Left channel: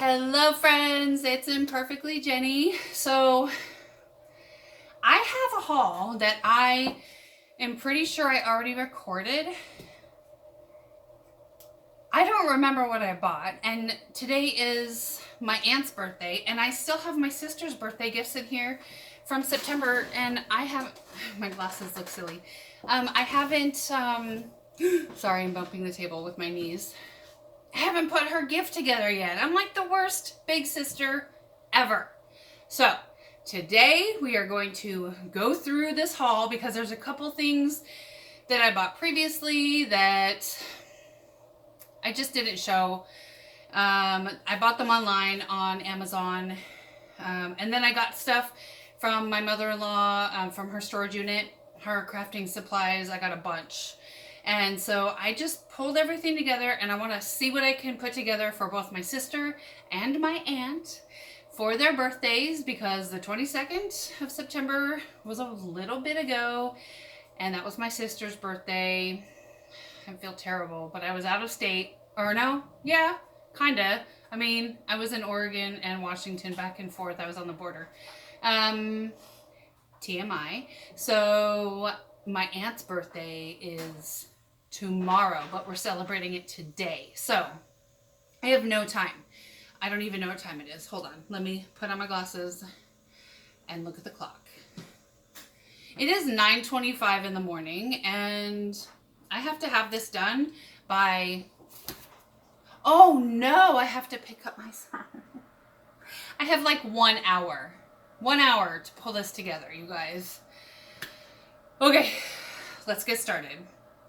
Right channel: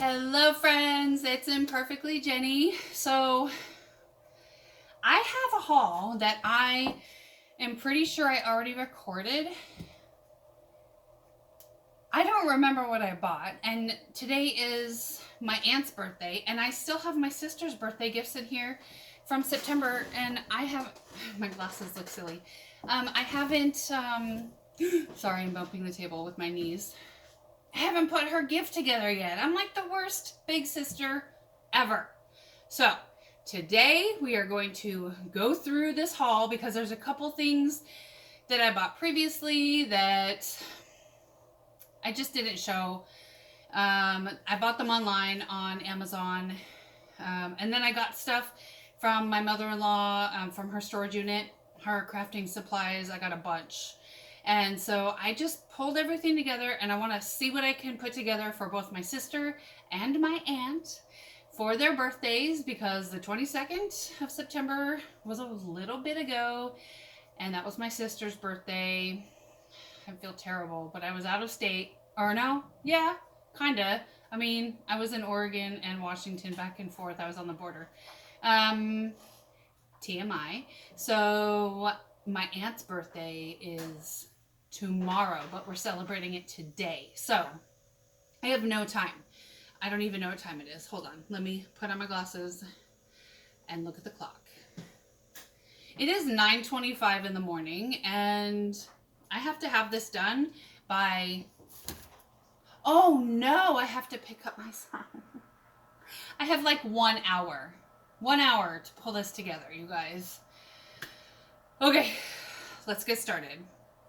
Hello friends, it's Imperfectly Jenny. So I have a haul that I am pretty sure I already recorded. I don't remember what I bought, and today is my aunt's birthday, and I still have my sister's birthday gifts in here from September, and I have, my glasses look silly. I haven't, sorry, I'm bumping the table with my knees. I haven't put her gift together yet. I'm like the worst big sister ever. So today we are going to go through this haul because there's a couple things that I bought previously that I just didn't show. I bought them online on Amazon. And then I got stuff from my mother-in-law, from her storage unit, her crafting supplies. I got a bunch. And so I just pulled everything together, and I want to see what I can put together for both my sister and my aunt for their birthdays, because the 22nd of September was a little bit ago, and that was my sister's birthday. I feel terrible, but I was out of state. Or no, yeah, kinda. I mean, I was in Oregon and Washington back and forth. I was on the border. TMI. So my aunt's birthday is tomorrow, but we're celebrating it today. So I have no time. I don't even know what time it is. Hold on. Let me put on my glasses and look at the clock. It is 9:25 in the morning, and I have to have this done by... Oh no, I have to pick up my son. I have like 1 hour. 1 hour to pull this together, you guys. Okay, let's get started.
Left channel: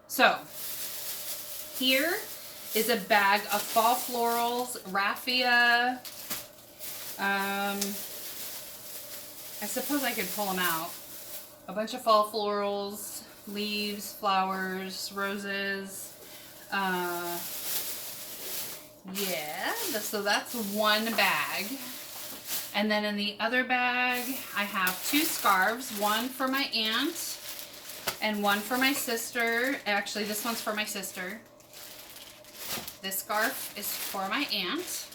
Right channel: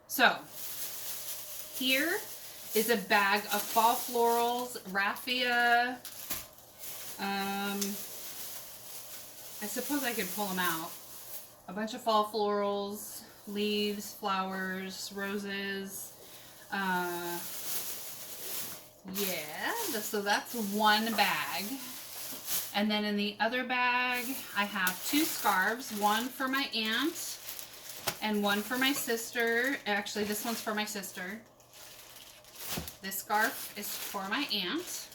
So, here is a bag of fall florals, raffia. I suppose I could pull them out. A bunch of fall florals, leaves, flowers, roses. Yeah, so that's one bag. And then in the other bag, I have two scarves, one for my aunt and one for my sister. Actually, this one's for my sister. This scarf is for my aunt.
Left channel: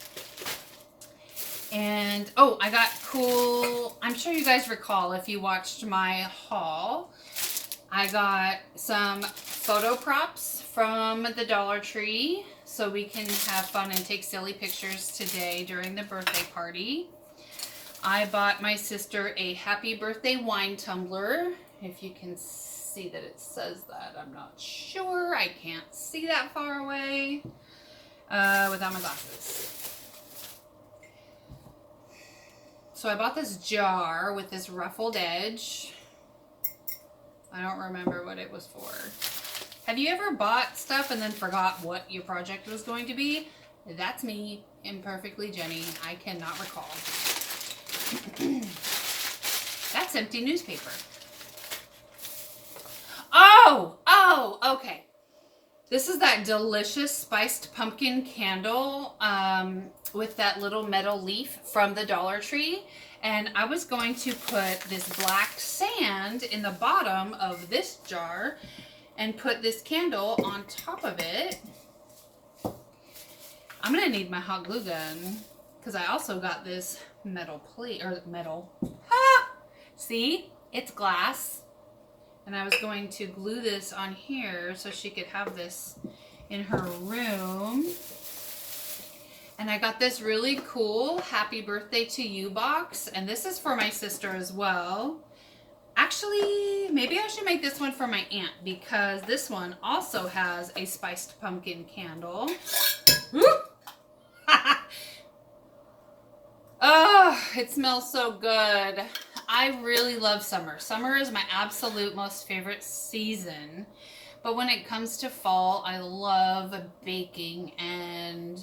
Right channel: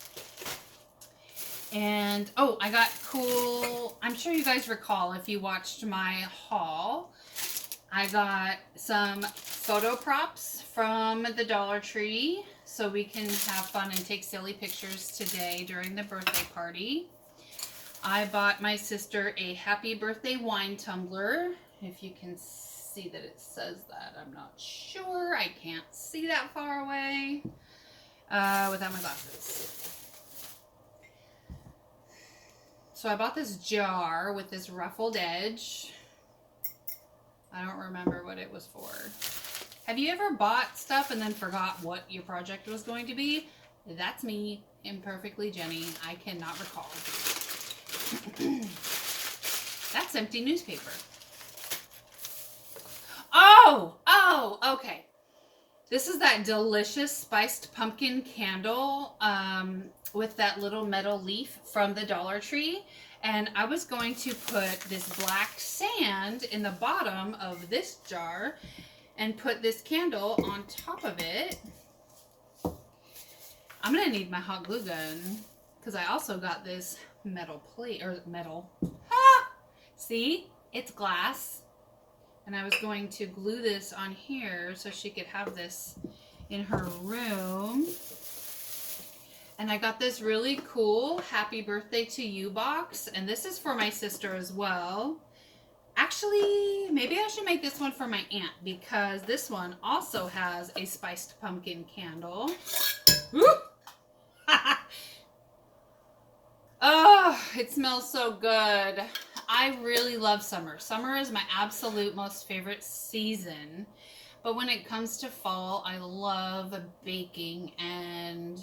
And, oh, I got cool, I'm sure you guys recall if you watched my haul, I got some photo props from the Dollar Tree so we can have fun and take silly pictures today during the birthday party. I bought my sister a happy birthday wine tumbler. If you can see that it says that, I'm not sure. I can't see that far away without my glasses. So I bought this jar with this ruffled edge. I don't remember what it was for. Have you ever bought stuff and then forgot what your project was going to be? That's me, Imperfectly Jenny. I cannot recall. That's empty newspaper. Oh, okay. This is that delicious spiced pumpkin candle with that little metal leaf from the Dollar Tree. And I was going to put this black sand in the bottom of this jar and put this candle on top of it. I'm going to need my hot glue gun because I also got this metal plate, or metal. Ah! See? It's glass. And I was going to glue this on here so she could have this in her room. And I got this really cool Happy Birthday to You box. And this is for my sister as well. Actually, maybe I should make this one for my aunt because this one also has a spiced pumpkin candle. Oh, it smells so good. I really love summer. Summer is my absolute most favorite season. But when it comes to fall, I love baking, and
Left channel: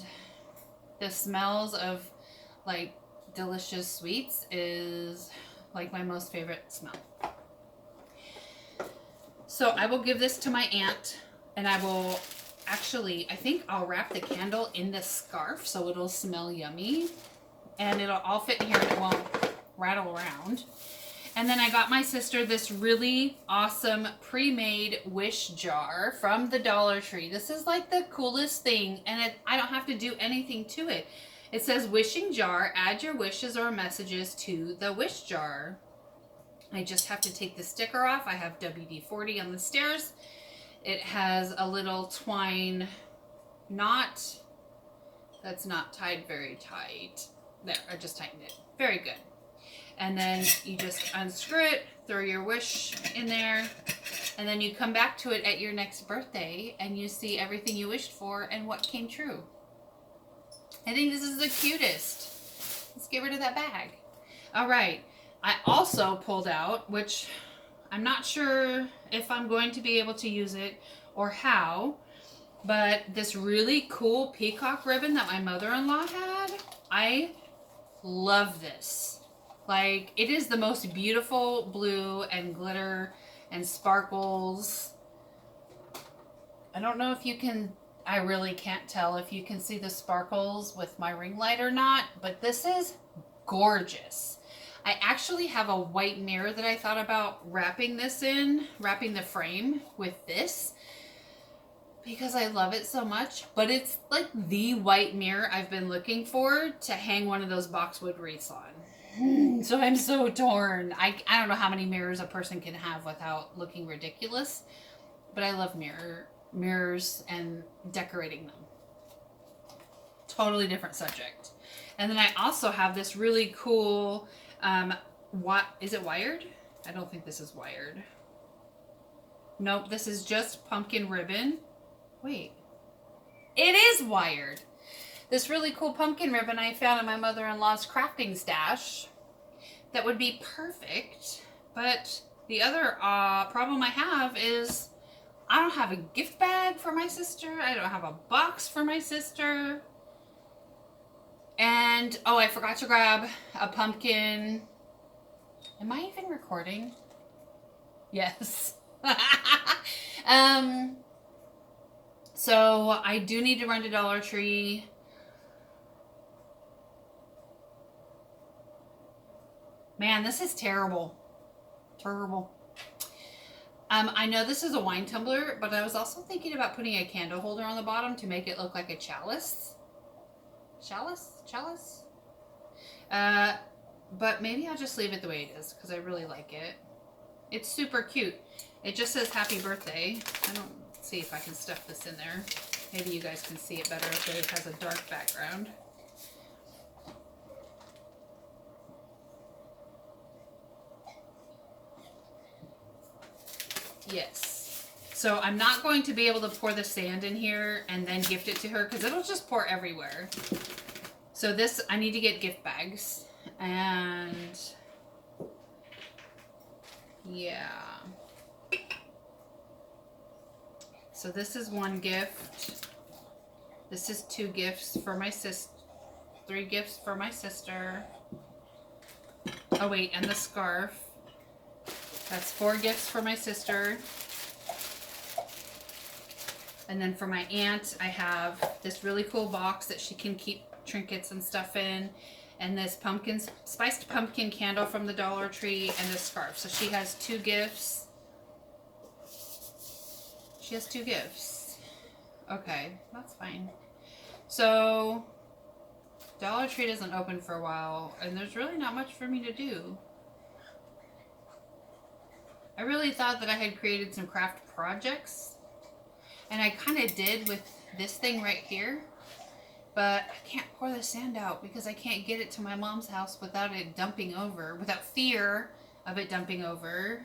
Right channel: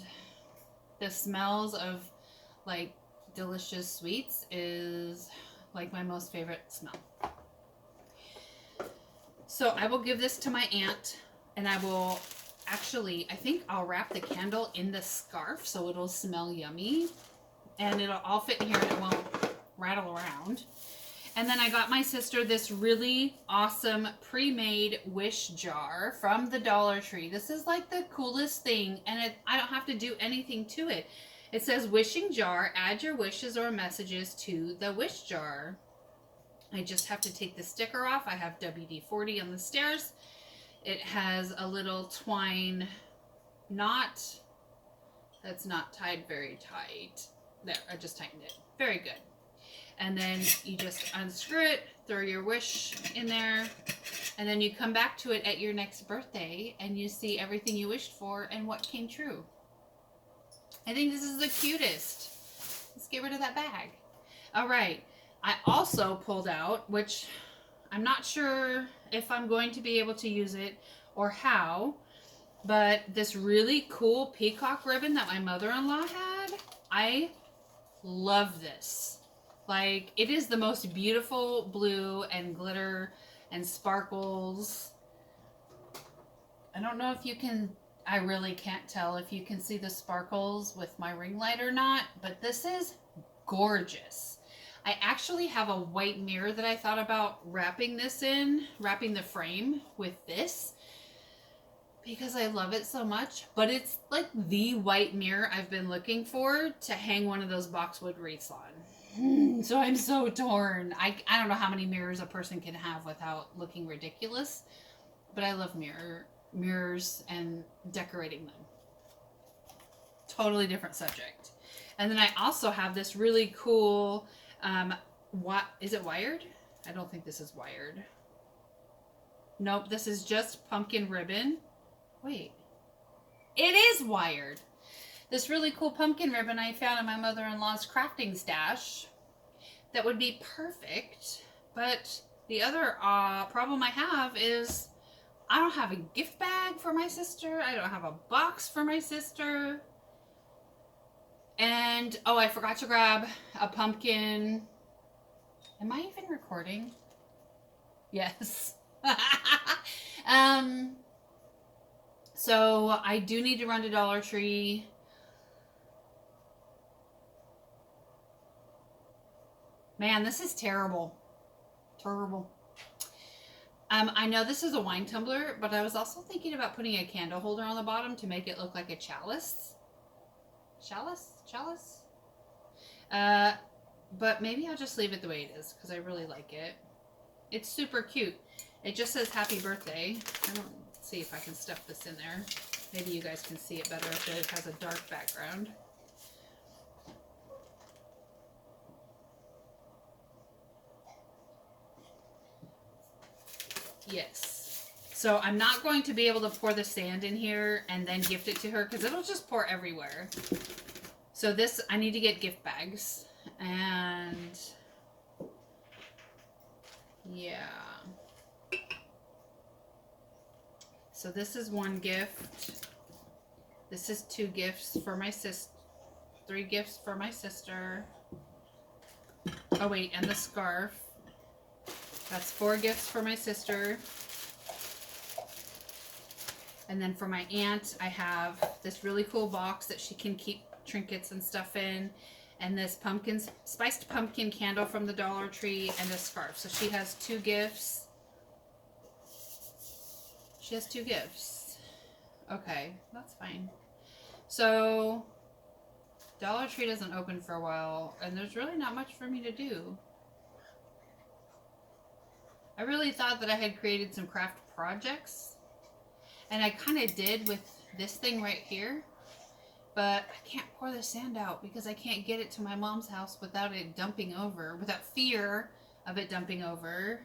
the smells of like delicious sweets is like my most favorite smell. So I will give this to my aunt, and I will actually, I think I'll wrap the candle in the scarf so it'll smell yummy. And it'll all fit in here and it won't rattle around. And then I got my sister this really awesome pre-made wish jar from the Dollar Tree. This is like the coolest thing, and I don't have to do anything to it. It says wishing jar, add your wishes or messages to the wish jar. I just have to take the sticker off. I have WD-40 on the stairs. It has a little twine knot that's not tied very tight. There, I just tightened it. Very good. And then you just unscrew it, throw your wish in there, and then you come back to it at your next birthday and you see everything you wished for and what came true. I think this is the cutest. Let's get rid of that bag. All right. I also pulled out, which I'm not sure if I'm going to be able to use it or how, but this really cool peacock ribbon that my mother-in-law had. I love this. Like, it is the most beautiful blue and glitter and sparkles. I don't know if you can, I really can't tell if you can see the sparkles with my ring light or not, but this is gorgeous. I actually have a white mirror that I thought about wrapping this in, wrapping the frame with this, because I love it so much. But it's like the white mirror I've been looking for to hang one of those boxwood wreaths on. So I'm so torn. I don't know how many mirrors a person can have without looking ridiculous, but I love mirrors and decorating them. Totally different subject. And then I also have this really cool, what is it wired? I don't think this is wired. Nope, this is just pumpkin ribbon. Wait, it is wired. This really cool pumpkin ribbon I found in my mother-in-law's crafting stash that would be perfect. But the other problem I have is I don't have a gift bag for my sister. I don't have a box for my sister. And, oh, I forgot to grab a pumpkin. Am I even recording? Yes. So I do need to run to Dollar Tree. Man, this is terrible. Terrible. I know this is a wine tumbler, but I was also thinking about putting a candle holder on the bottom to make it look like a chalice. Chalice? But maybe I'll just leave it the way it is because I really like it. It's super cute. It just says happy birthday. I don't see if I can stuff this in there. Maybe you guys can see it better if it has a dark background. Yes. So I'm not going to be able to pour the sand in here and then gift it to her because it'll just pour everywhere. So this, I need to get gift bags. And yeah. So this is one gift. This is 2 gifts for my sister. 3 gifts for my sister. Oh wait, and the scarf. That's 4 gifts for my sister. And then for my aunt, I have this really cool box that she can keep trinkets and stuff in. And this spiced pumpkin candle from the Dollar Tree and a scarf. So she has 2 gifts. She has 2 gifts. Okay, that's fine. So Dollar Tree doesn't open for a while, and there's really not much for me to do. I really thought that I had created some craft projects, and I kind of did with this thing right here, but I can't pour the sand out because I can't get it to my mom's house without it dumping over, without fear of it dumping over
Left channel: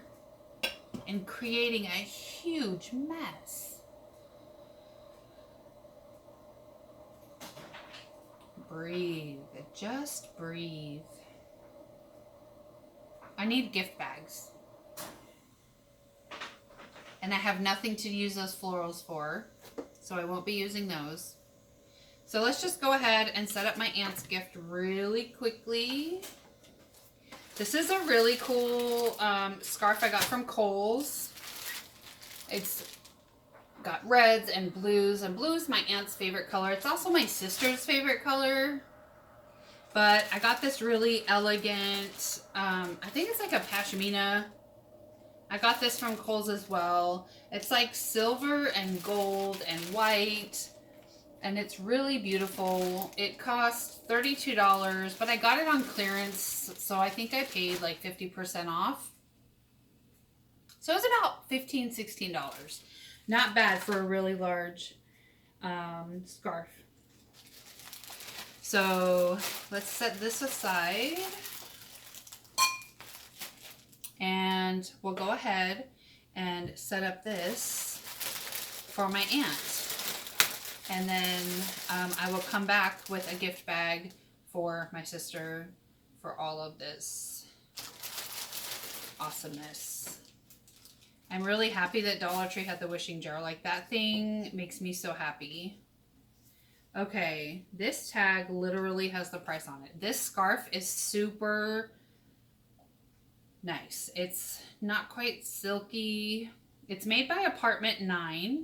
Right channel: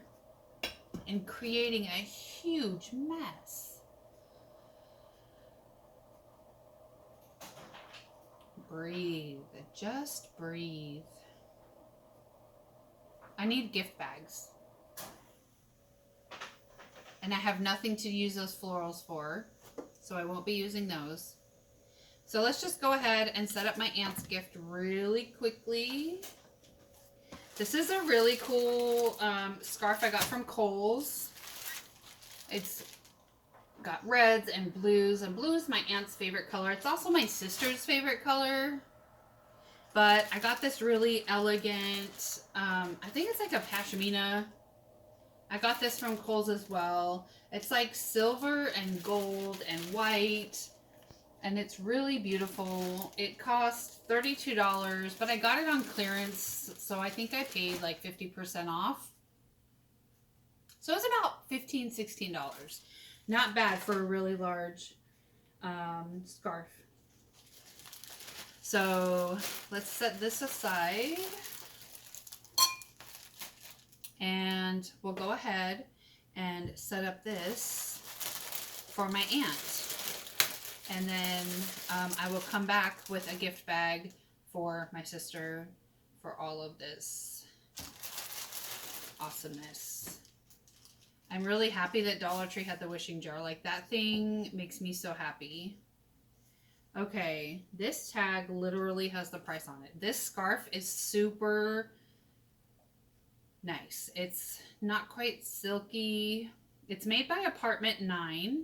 and creating a huge mess. Breathe. Just breathe. I need gift bags. And I have nothing to use those florals for, so I won't be using those. So let's just go ahead and set up my aunt's gift really quickly. This is a really cool scarf I got from Kohl's. It's got reds and blues, and blue is my aunt's favorite color. It's also my sister's favorite color. But I got this really elegant, I think it's like a pashmina. I got this from Kohl's as well. It's like silver and gold and white. And it's really beautiful. It cost $32, but I got it on clearance, so I think I paid like 50% off. So it was about $15, $16. Not bad for a really large scarf. So let's set this aside. And we'll go ahead and set up this for my aunt. And then I will come back with a gift bag for my sister for all of this awesomeness. I'm really happy that Dollar Tree had the wishing jar. Like, that thing makes me so happy. Okay, this tag literally has the price on it. This scarf is super nice. It's not quite silky. It's made by Apartment 9.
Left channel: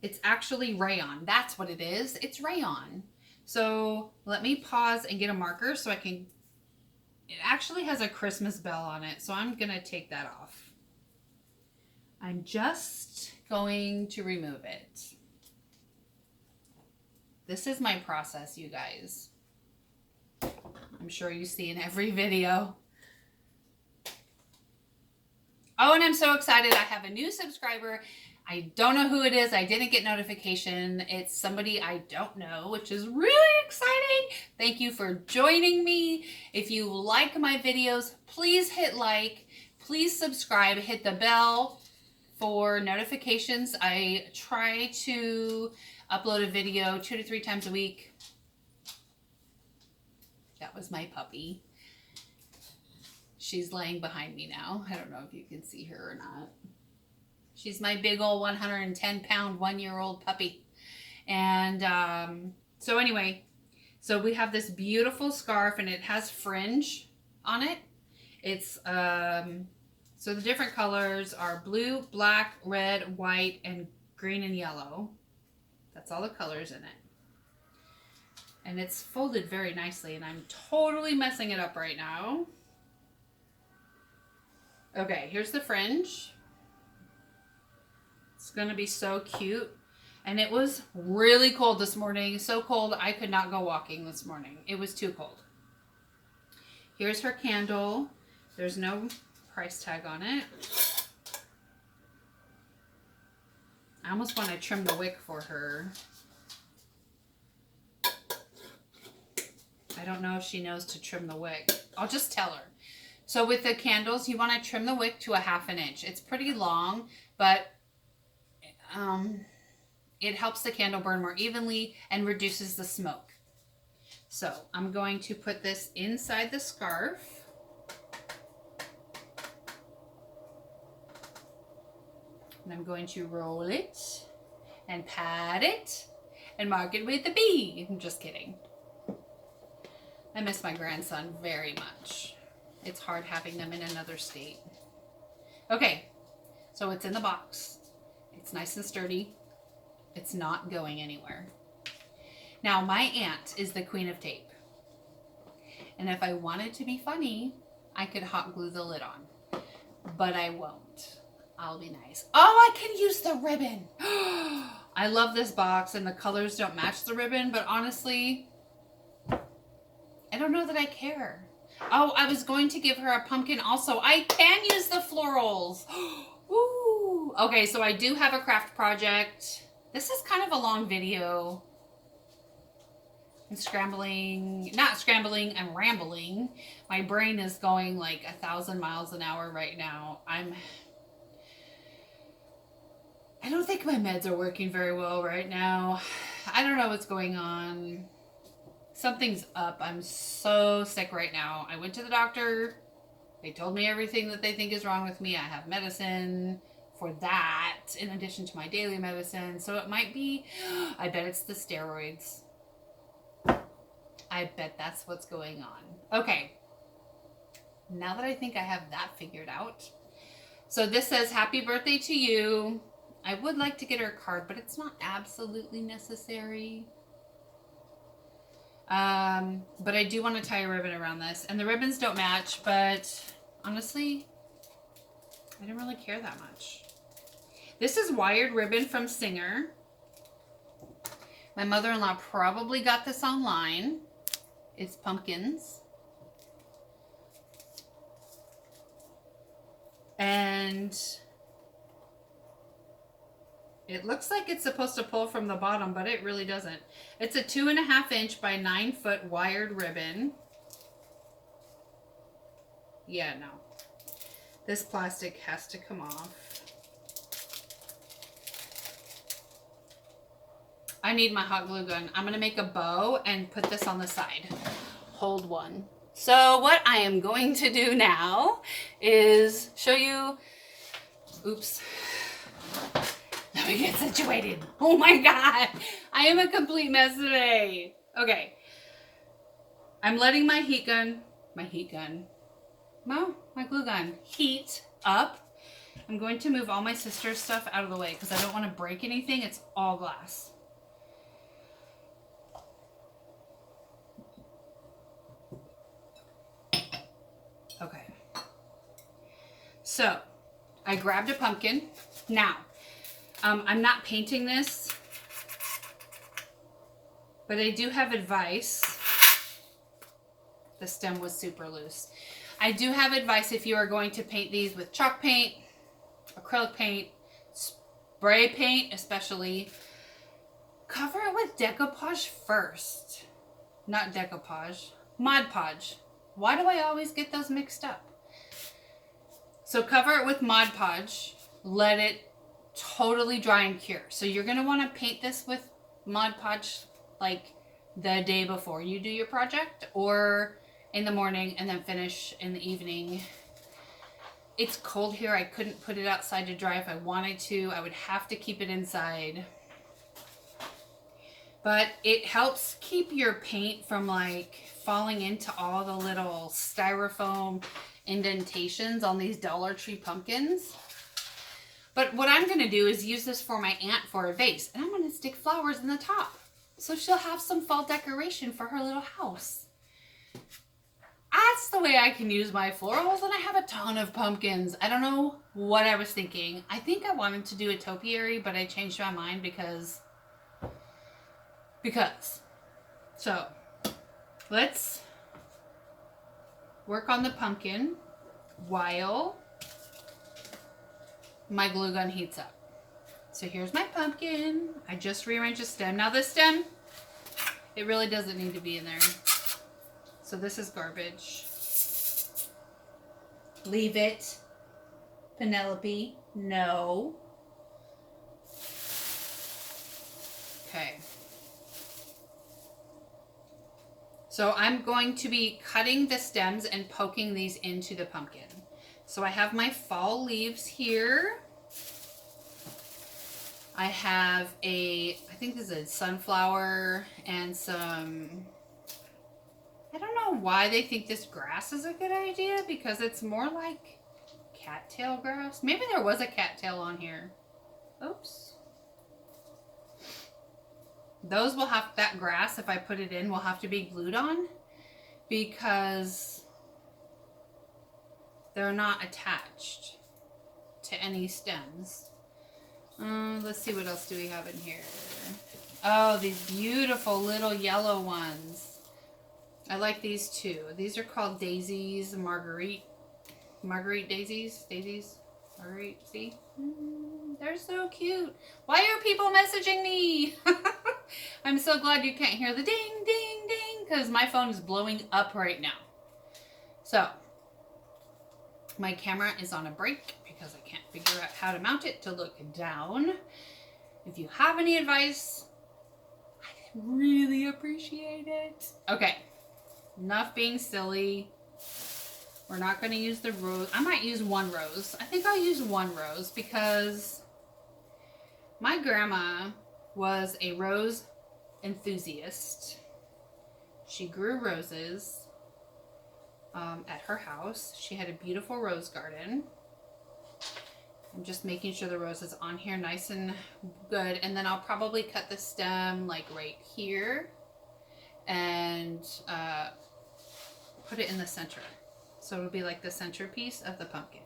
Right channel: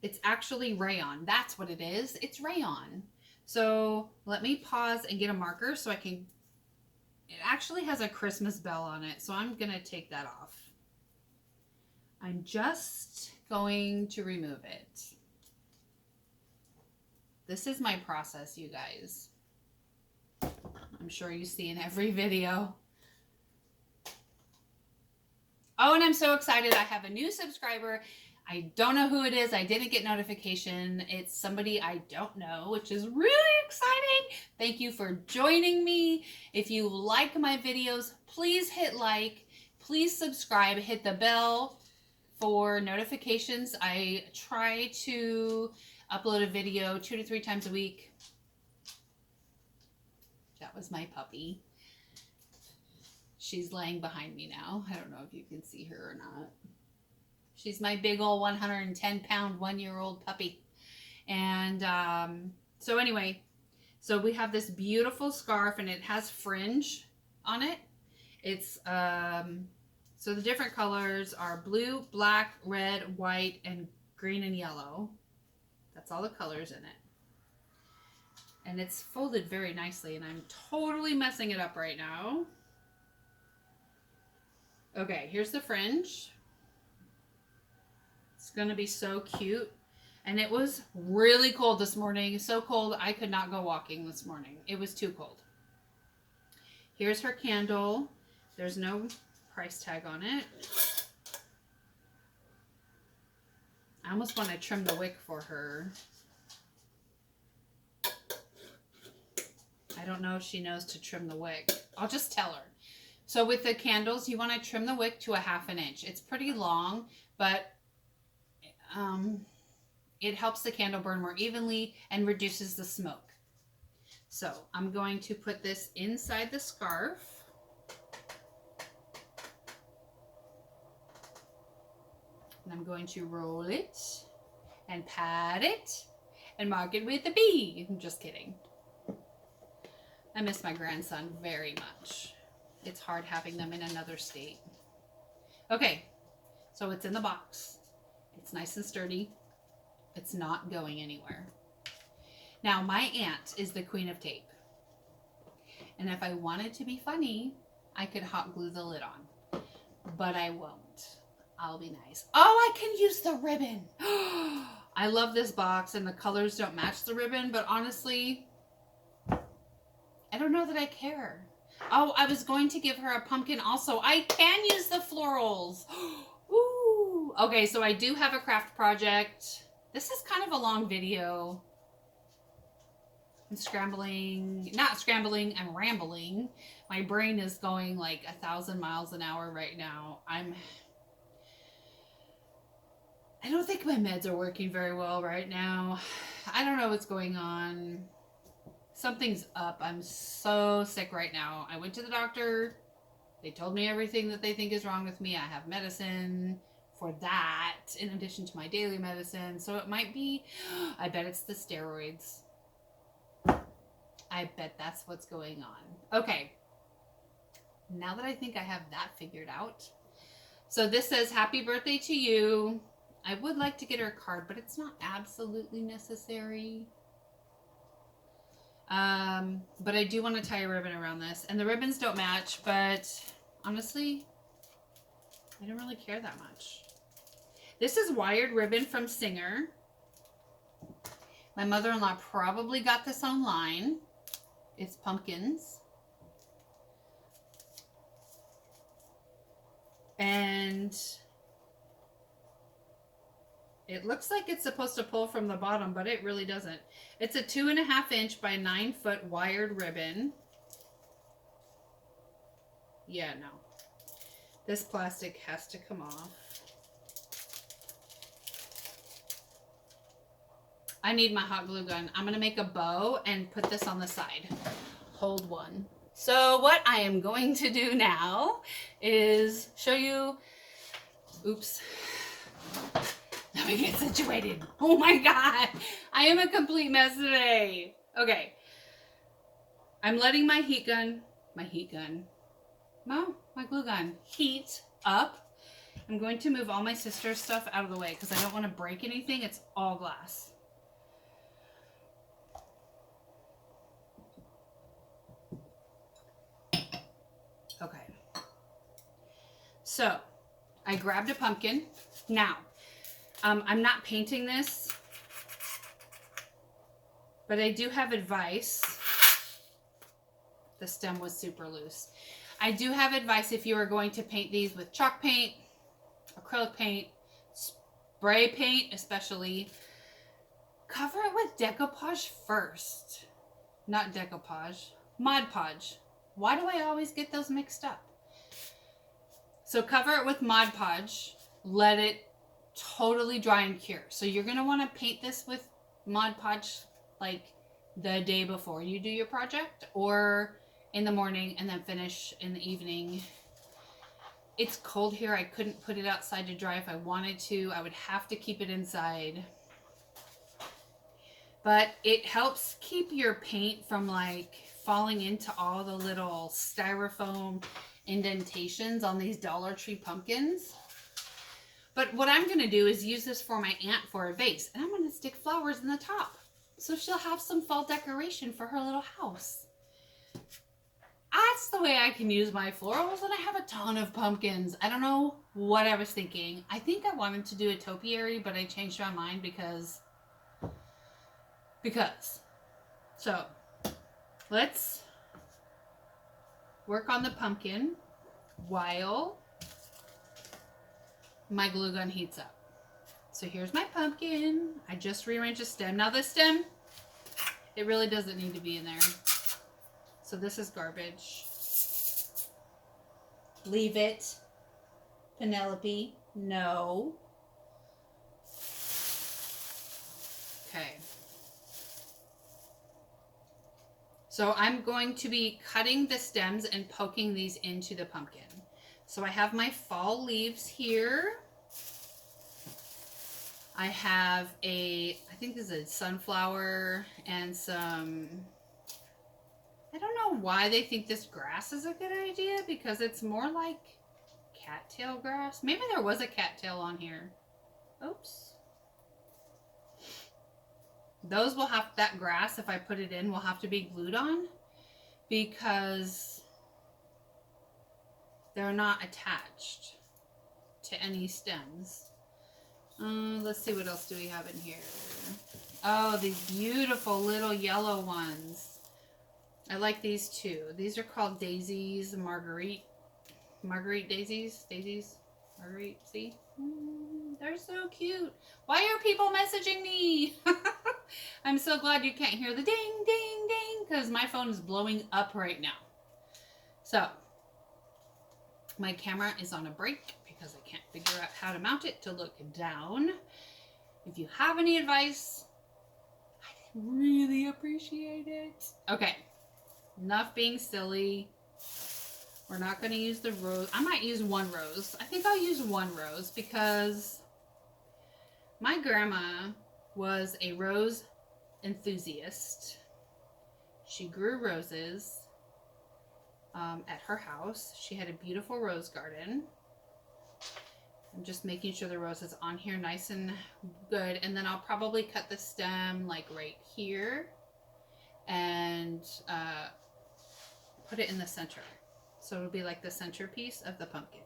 It's actually rayon. That's what it is. It's rayon. So let me pause and get a marker so I can... It actually has a Christmas bell on it, so I'm going to take that off. I'm just going to remove it. This is my process, you guys. I'm sure you see in every video. Oh, and I'm so excited. I have a new subscriber. I don't know who it is. I didn't get notification. It's somebody I don't know, which is really exciting. Thank you for joining me. If you like my videos, please hit like, please subscribe, hit the bell for notifications. I try to upload a video 2 to 3 times a week. That was my puppy. She's laying behind me now. I don't know if you can see her or not. She's my big old 110-pound, 1-year-old puppy. And so anyway, so we have this beautiful scarf and it has fringe on it. It's, so the different colors are blue, black, red, white, and green and yellow. That's all the colors in it. And it's folded very nicely, and I'm totally messing it up right now. Okay, here's the fringe. It's gonna be so cute. And it was really cold this morning. So cold I could not go walking this morning. It was too cold. Here's her candle. There's no price tag on it. I almost want to trim the wick for her. I don't know if she knows to trim the wick. I'll just tell her. So with the candles, you want to trim the wick to 1/2 inch. It's pretty long, but it helps the candle burn more evenly and reduces the smoke. So I'm going to put this inside the scarf. And I'm going to roll it and pat it and mark it with a B. I'm just kidding. I miss my grandson very much. It's hard having them in another state. Okay, so it's in the box. It's nice and sturdy. It's not going anywhere. Now, my aunt is the queen of tape. And if I wanted to be funny, I could hot glue the lid on. But I won't. I'll be nice. Oh, I can use the ribbon. I love this box, and the colors don't match the ribbon, but honestly, I don't know that I care. Oh, I was going to give her a pumpkin also. I can use the florals. Ooh. Okay, so I do have a craft project. This is kind of a long video. I'm scrambling, not scrambling, I'm rambling. My brain is going like 1,000 miles an hour right now. I don't think my meds are working very well right now. I don't know what's going on. Something's up. I'm so sick right now. I went to the doctor. They told me everything that they think is wrong with me. I have medicine for that in addition to my daily medicine. So it might be, I bet it's the steroids. I bet that's what's going on. Okay. Now that I think I have that figured out. So this says, happy birthday to you. I would like to get her a card, but it's not absolutely necessary. But I do want to tie a ribbon around this. And the ribbons don't match, but honestly, I don't really care that much. This is wired ribbon from Singer. My mother-in-law probably got this online. It's pumpkins. And it looks like it's supposed to pull from the bottom, but it really doesn't. It's a 2.5 inch by 9 foot wired ribbon. Yeah, no. This plastic has to come off. I need my hot glue gun. I'm going to make a bow and put this on the side. Hold one. So what I am going to do now is show you, oops, let me get situated. Oh my God, I am a complete mess today. Okay, I'm letting my glue gun heat up. I'm going to move all my sister's stuff out of the way because I don't want to break anything. It's all glass. Okay. So I grabbed a pumpkin. Now, I'm not painting this, but I do have advice. The stem was super loose. I do have advice if you are going to paint these with chalk paint, acrylic paint, spray paint especially, cover it with decoupage first. Not decoupage, Mod Podge. Why do I always get those mixed up? So cover it with Mod Podge, let it totally dry and cure. So you're going to want to paint this with Mod Podge like the day before you do your project, or in the morning and then finish in the evening. It's cold here. I couldn't put it outside to dry if I wanted to. I would have to keep it inside. But it helps keep your paint from like falling into all the little styrofoam indentations on these Dollar Tree pumpkins. But what I'm going to do is use this for my aunt for a vase. And I'm going to stick flowers in the top, so she'll have some fall decoration for her little house. That's the way I can use my florals, and I have a ton of pumpkins. I don't know what I was thinking. I think I wanted to do a topiary, but I changed my mind because. So, let's work on the pumpkin while my glue gun heats up. So here's my pumpkin. I just rearranged the stem. Now this stem, it really doesn't need to be in there. So this is garbage. Leave it. Penelope, no. Okay. So I'm going to be cutting the stems and poking these into the pumpkin. So I have my fall leaves here. I have I think this is a sunflower and some, I don't know why they think this grass is a good idea, because it's more like cattail grass. Maybe there was a cattail on here. Oops. Those will have, that grass, if I put it in, will have to be glued on because they're not attached to any stems. Let's see, what else do we have in here? Oh, these beautiful little yellow ones. I like these too. These are called daisies, Marguerite daisies. Marguerite, see? They're so cute. Why are people messaging me? I'm so glad you can't hear the ding, ding, ding, because my phone is blowing up right now. So, my camera is on a break because I can't figure out how to mount it to look down. If you have any advice, I'd really appreciate it. Okay, enough being silly. We're not going to use the rose. I might use one rose. I think I'll use one rose because my grandma was a rose enthusiast. She grew roses at her house. She had a beautiful rose garden. I'm just making sure the rose is on here nice and good. And then I'll probably cut the stem like right here and put it in the center. So it'll be like the centerpiece of the pumpkin.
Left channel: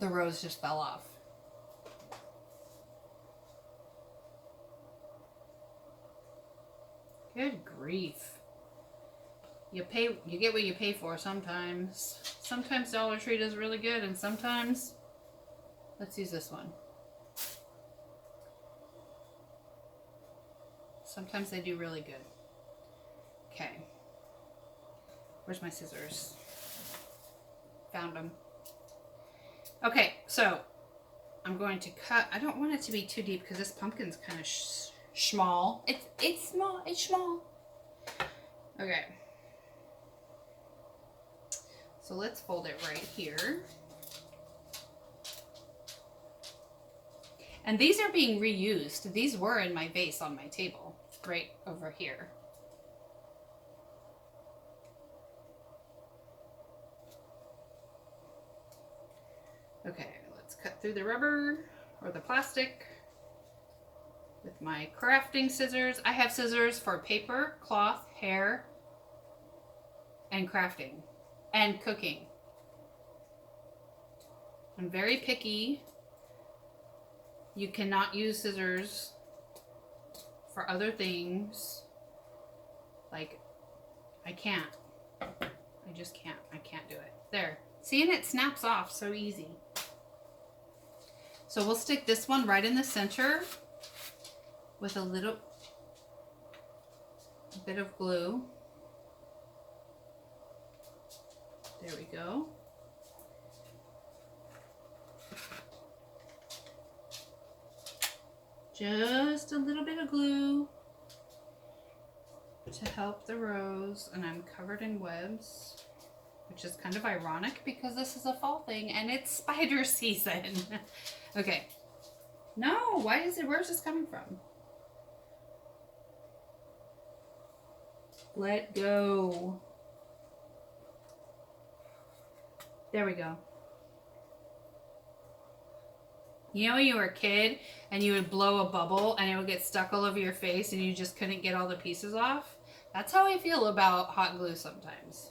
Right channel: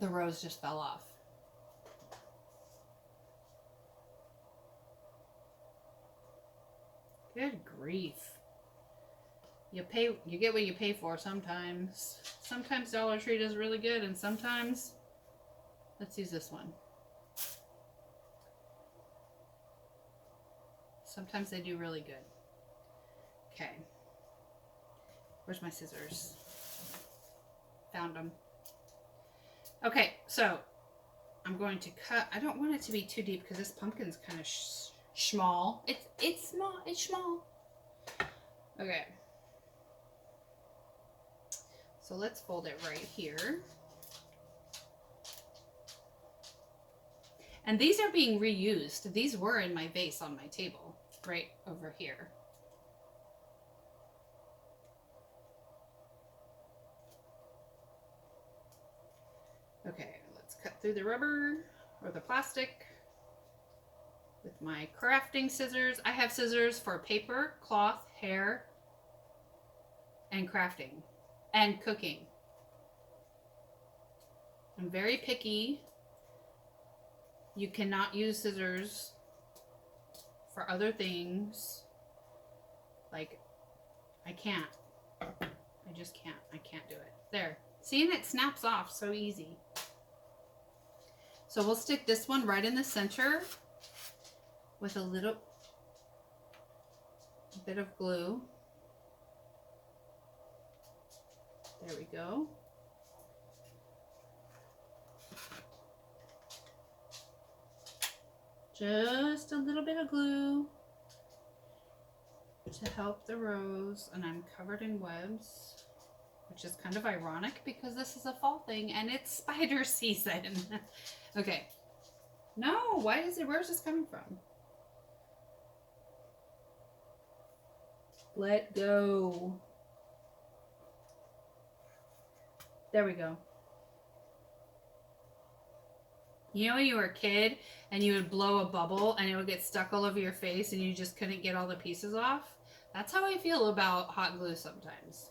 The rose just fell off. Good grief. You get what you pay for sometimes. Sometimes Dollar Tree does really good, and sometimes, let's use this one. Sometimes they do really good. Okay. Where's my scissors? Found them. Okay, so I'm going to cut. I don't want it to be too deep because this pumpkin's kind of small. It's small. It's small. Okay. So let's fold it right here. And these are being reused. These were in my vase on my table, right over here. Okay, let's cut through the rubber or the plastic with my crafting scissors. I have scissors for paper, cloth, hair, and crafting and cooking. I'm very picky. You cannot use scissors for other things. Like, I can't. I just can't. I can't do it. There. See, and it snaps off so easy. So we'll stick this one right in the center with a little bit of glue. There we go. Just a little bit of glue to help the rose, and I'm covered in webs, which is kind of ironic because this is a fall thing and it's spider season. Okay. No, where's this coming from? Let go. There we go. You know when you were a kid and you would blow a bubble and it would get stuck all over your face and you just couldn't get all the pieces off? That's how I feel about hot glue sometimes.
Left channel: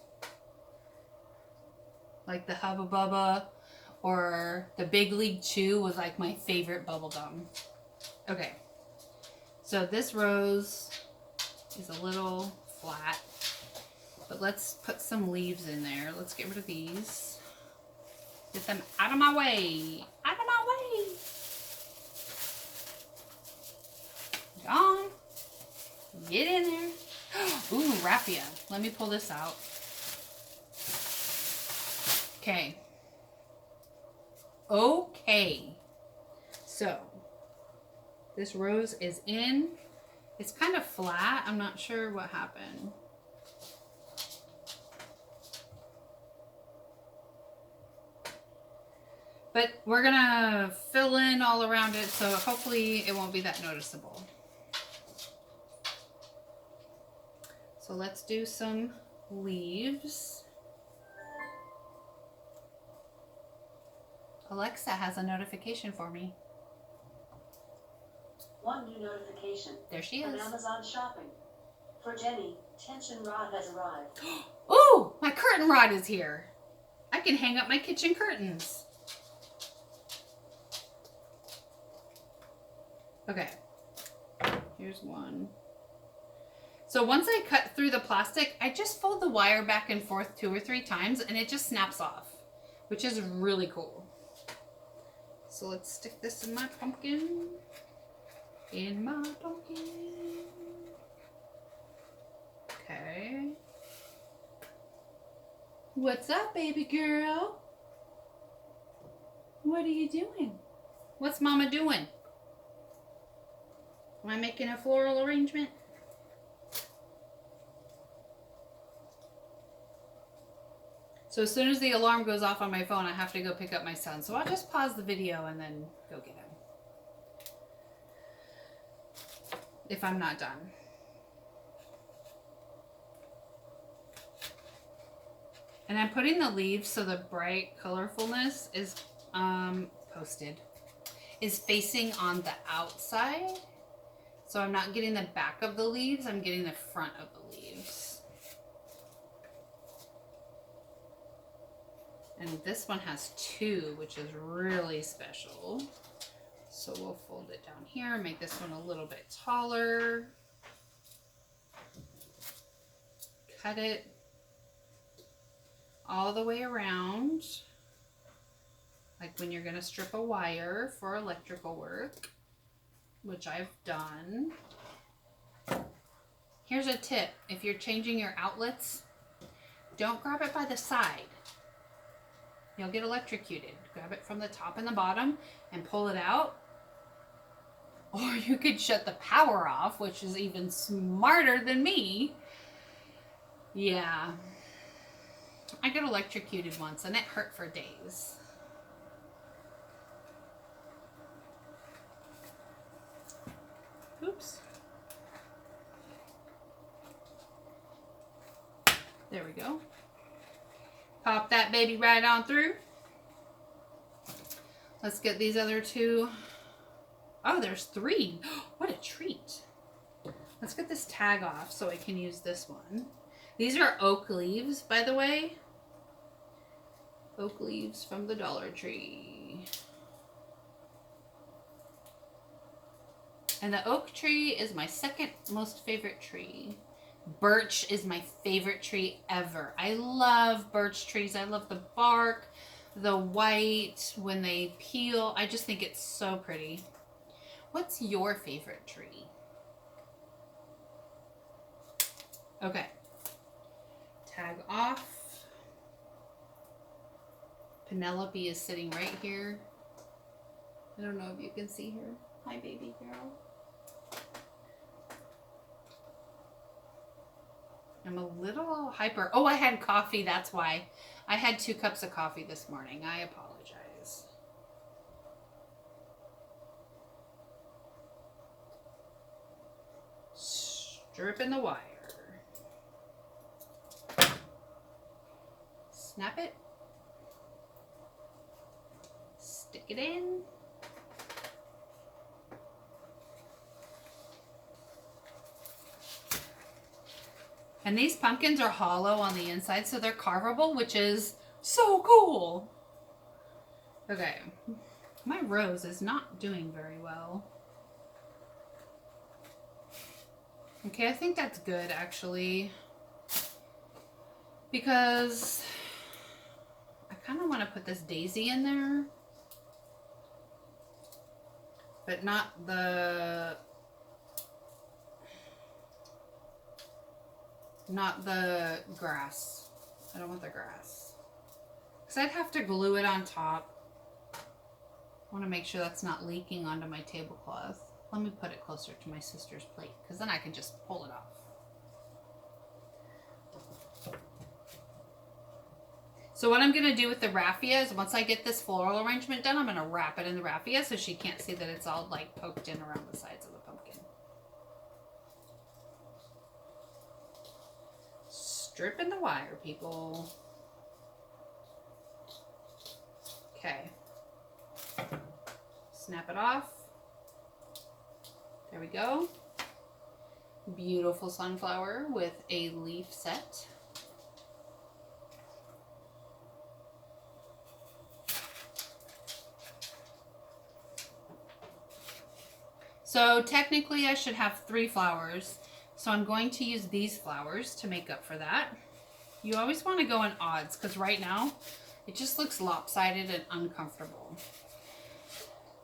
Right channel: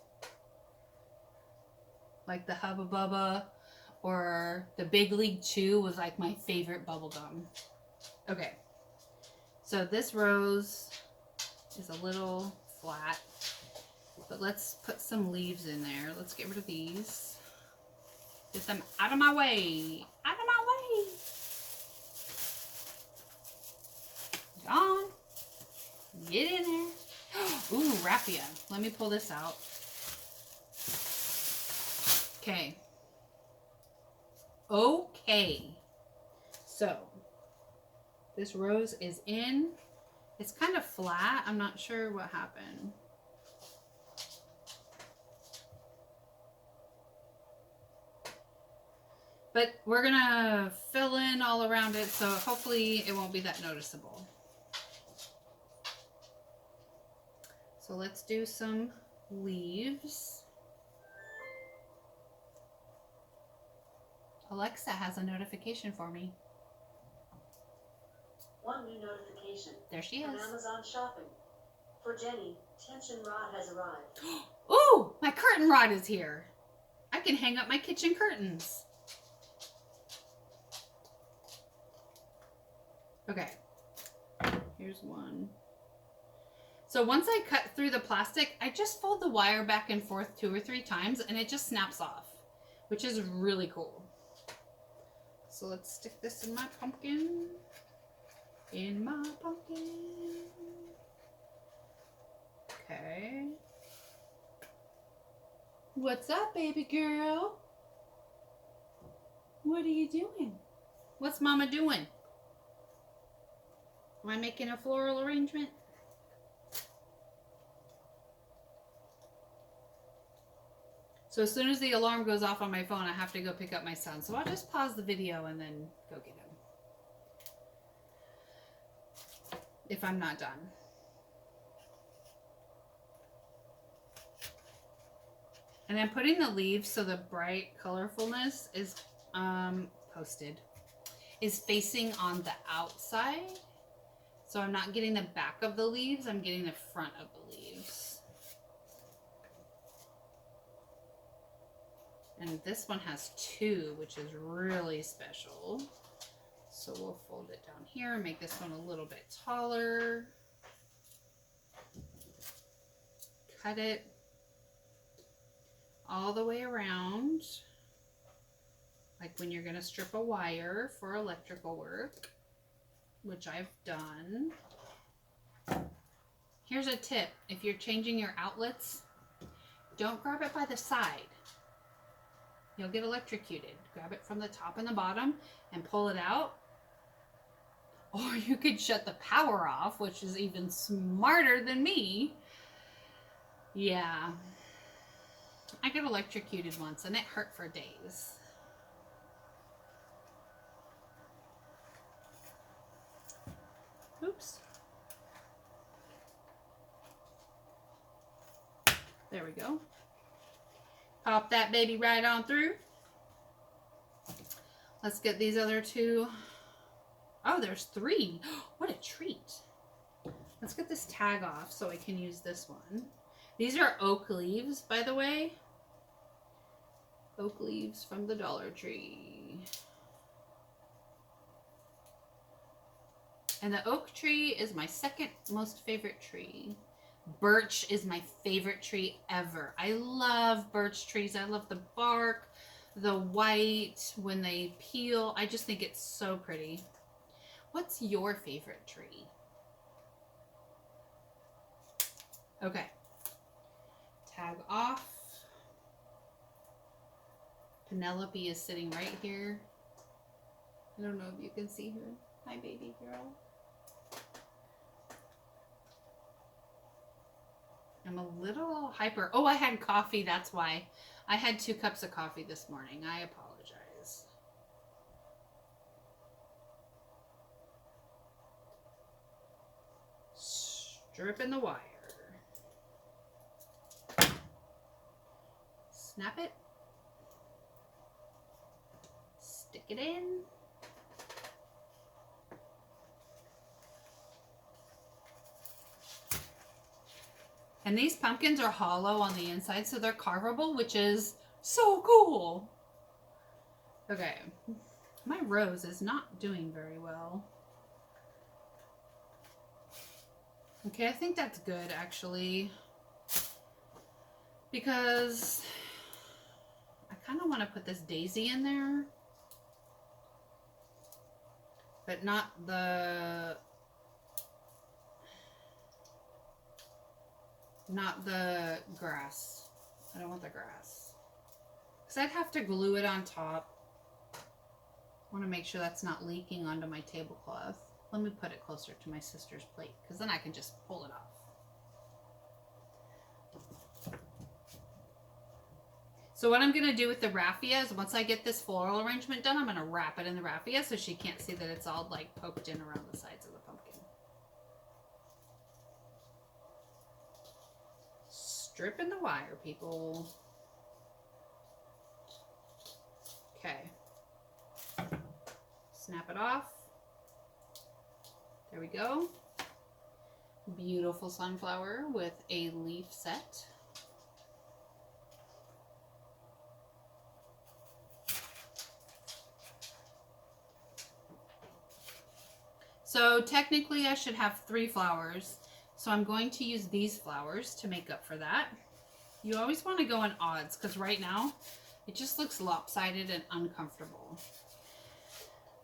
Like the Hubba Bubba or the Big League Chew was like my favorite bubble gum. Okay. So this rose is a little flat, but let's put some leaves in there. Let's get rid of these. Get them out of my way. Out of my way. Gone. Get in there. Ooh, raffia. Let me pull this out. Okay. Okay. So, this rose is in. It's kind of flat. I'm not sure what happened. But we're going to fill in all around it, so hopefully it won't be that noticeable. So let's do some leaves. Alexa has a notification for me. One new notification. There she is. From Amazon shopping. For Jenny, tension rod has arrived. Ooh, my curtain rod is here. I can hang up my kitchen curtains. Okay, here's one. So once I cut through the plastic, I just fold the wire back and forth 2 or 3 times and it just snaps off, which is really cool. So let's stick this in my pumpkin. In my pumpkin. Okay. What's up, baby girl? What are you doing? What's Mama doing? Am I making a floral arrangement? So as soon as the alarm goes off on my phone, I have to go pick up my son. So I'll just pause the video and then go get him. If I'm not done. And I'm putting the leaves so the bright colorfulness is facing on the outside. So I'm not getting the back of the leaves, I'm getting the front of the leaves. And this one has 2, which is really special. So we'll fold it down here, make this one a little bit taller. cut it all the way around, like when you're going to strip a wire for electrical work, which I've done. Here's a tip. If you're changing your outlets, don't grab it by the side. You'll get electrocuted. Grab it from the top and the bottom and pull it out. Or you could shut the power off, which is even smarter than me. Yeah. I got electrocuted once and it hurt for days. Oops. There we go. Pop that baby right on through. Let's get these other two. Oh, there's 3. What a treat. Let's get this tag off so I can use this one. These are oak leaves, by the way. Oak leaves from the Dollar Tree. And the oak tree is my second most favorite tree. Birch is my favorite tree ever. I love birch trees. I love the bark, the white, when they peel. I just think it's so pretty. What's your favorite tree? Okay. Tag off. Penelope is sitting right here. I don't know if you can see her. Hi, baby girl. I'm a little hyper. Oh, I had coffee. That's why. I had 2 cups of coffee this morning. I apologize. Stripping the wire. Snap it. Stick it in. And these pumpkins are hollow on the inside, so they're carvable, which is so cool. Okay. My rose is not doing very well. Okay, I think that's good, actually. Because I kind of want to put this daisy in there. But not the grass. I don't want the grass. Because I'd have to glue it on top. I want to make sure that's not leaking onto my tablecloth. Let me put it closer to my sister's plate, because then I can just pull it off. So what I'm going to do with the raffia is once I get this floral arrangement done, I'm going to wrap it in the raffia so she can't see that it's all like poked in around the sides of the pumpkin. Stripping the wire, people. Okay. Snap it off. There we go. Beautiful sunflower with a leaf set. So technically I should have 3 flowers. So I'm going to use these flowers to make up for that. You always want to go in odds because right now it just looks lopsided and uncomfortable.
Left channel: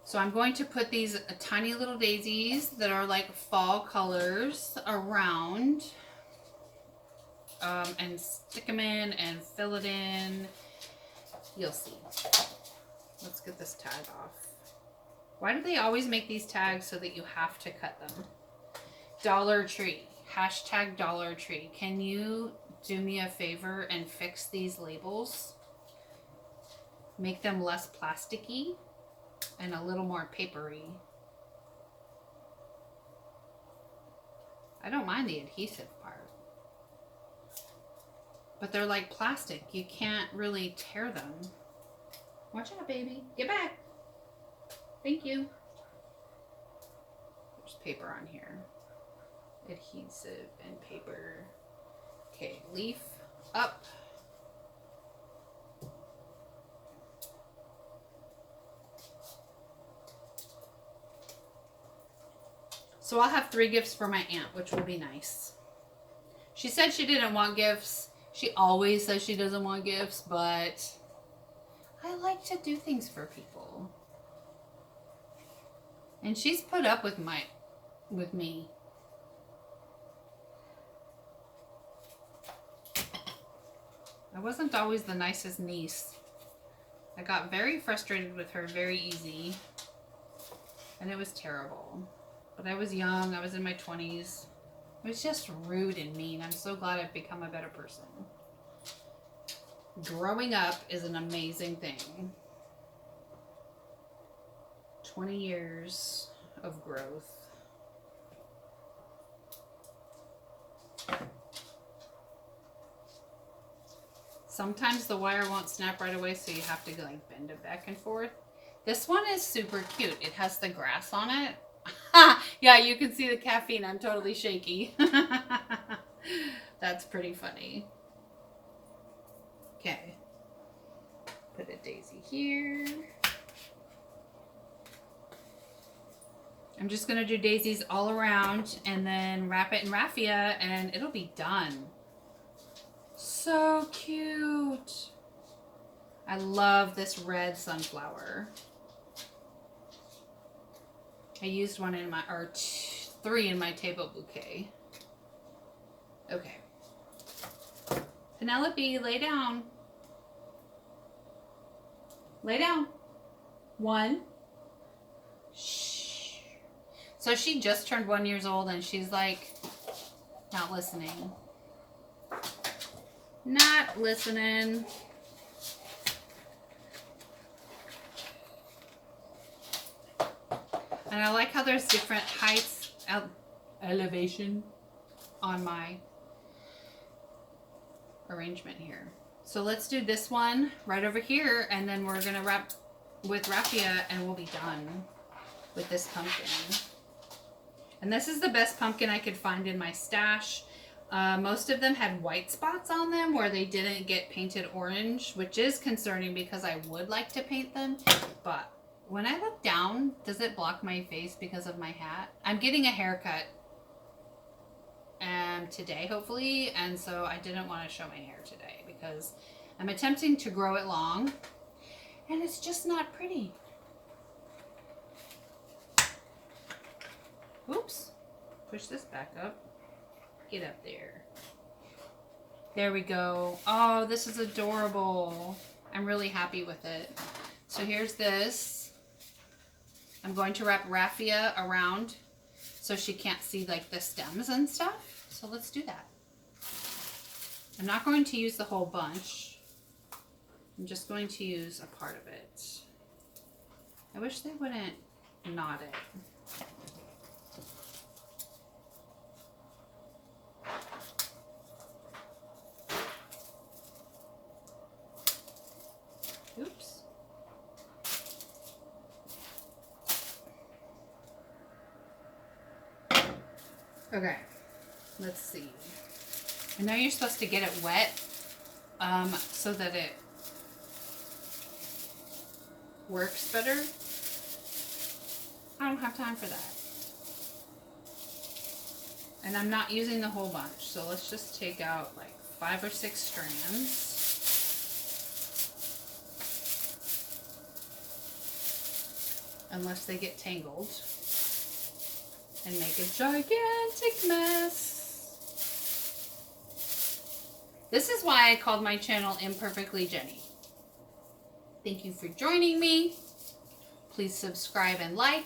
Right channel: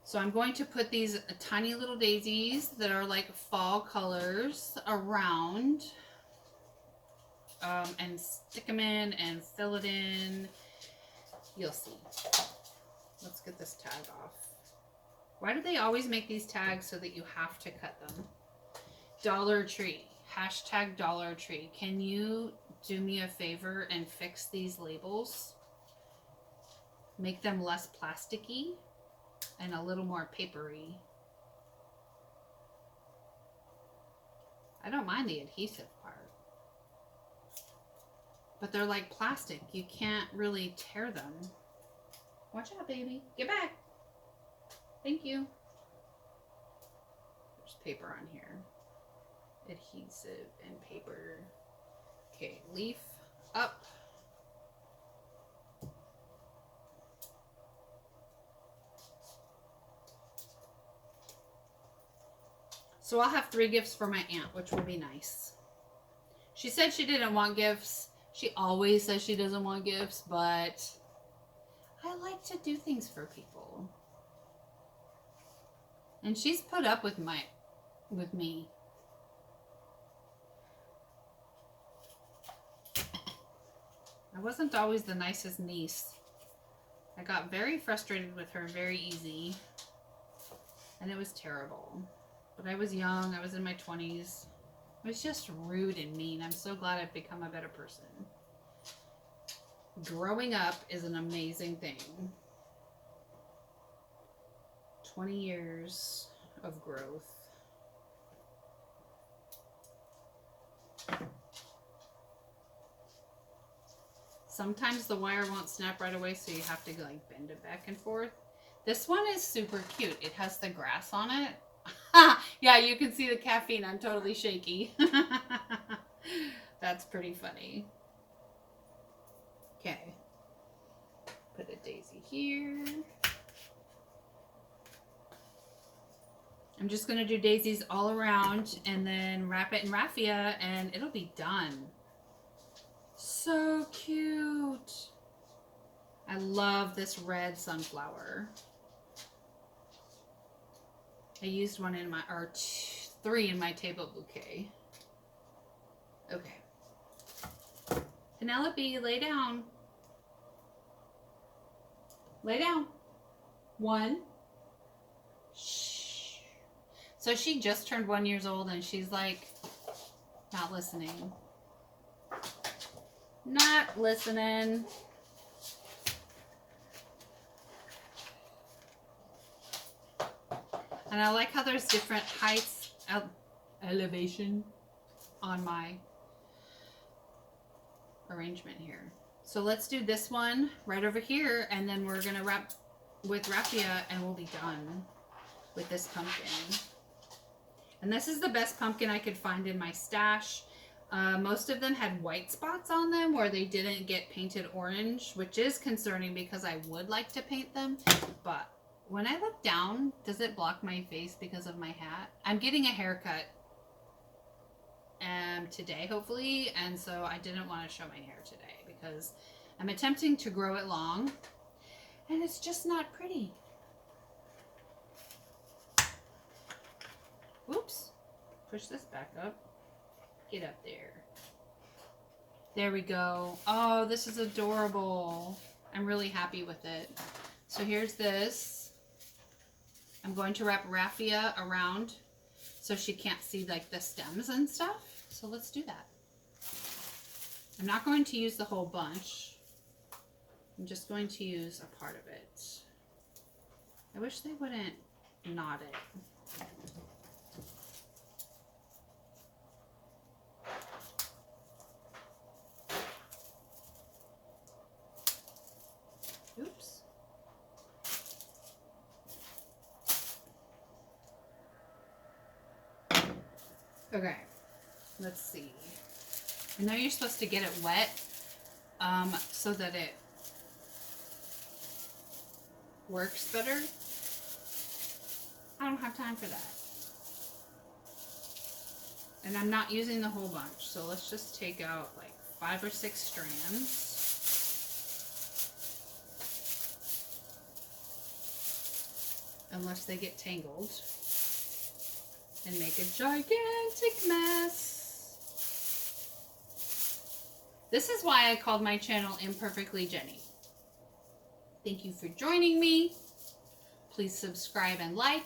So I'm going to put these tiny little daisies that are like fall colors around and stick them in and fill it in. You'll see. Let's get this tag off. Why do they always make these tags so that you have to cut them? Dollar Tree. Hashtag Dollar Tree. Can you do me a favor and fix these labels? Make them less plasticky and a little more papery. I don't mind the adhesive part. But they're like plastic. You can't really tear them. Watch out, baby. Get back. Thank you. There's paper on here. Adhesive and paper. Okay, leaf up. So I'll have 3 gifts for my aunt, which will be nice. She said she didn't want gifts. She always says she doesn't want gifts, but I like to do things for people. And she's put up with me. I wasn't always the nicest niece. I got very frustrated with her very easy. And it was terrible. But I was young. I was in my 20s. It was just rude and mean. I'm so glad I've become a better person. Growing up is an amazing thing. 20 years of growth. Sometimes the wire won't snap right away, so you have to like bend it back and forth. This one is super cute. It has the grass on it. Yeah, you can see the caffeine. I'm totally shaky. That's pretty funny. Okay. Put a daisy here. I'm just going to do daisies all around and then wrap it in raffia and it'll be done. So cute. I love this red sunflower. I used one in my, or 3 in my table bouquet. Okay. Penelope, lay down. Lay down. 1. Shh. So she just turned 1 year old and she's like, not listening. Not listening. And I like how there's different heights, elevation on my arrangement here. So let's do this one right over here, and then we're gonna wrap with raffia and we'll be done with this pumpkin. And this is the best pumpkin I could find in my stash. Most of them had white spots on them where they didn't get painted orange, which is concerning because I would like to paint them. But when I look down, does it block my face because of my hat? I'm getting a haircut today, hopefully, and so I didn't want to show my hair today because I'm attempting to grow it long, and it's just not pretty. Oops. Push this back up. Get up there. There we go. Oh, this is adorable. I'm really happy with it. So here's this. I'm going to wrap raffia around so she can't see like the stems and stuff. So let's do that. I'm not going to use the whole bunch. I'm just going to use a part of it. I wish they wouldn't knot it. Oops. Okay, let's see. I know you're supposed to get it wet so that it works better. I don't have time for that. And I'm not using the whole bunch, so let's just take out like 5 or 6 strands. Unless they get tangled and make a gigantic mess. This is why I called my channel Imperfectly Jenny. Thank you for joining me. Please subscribe and like.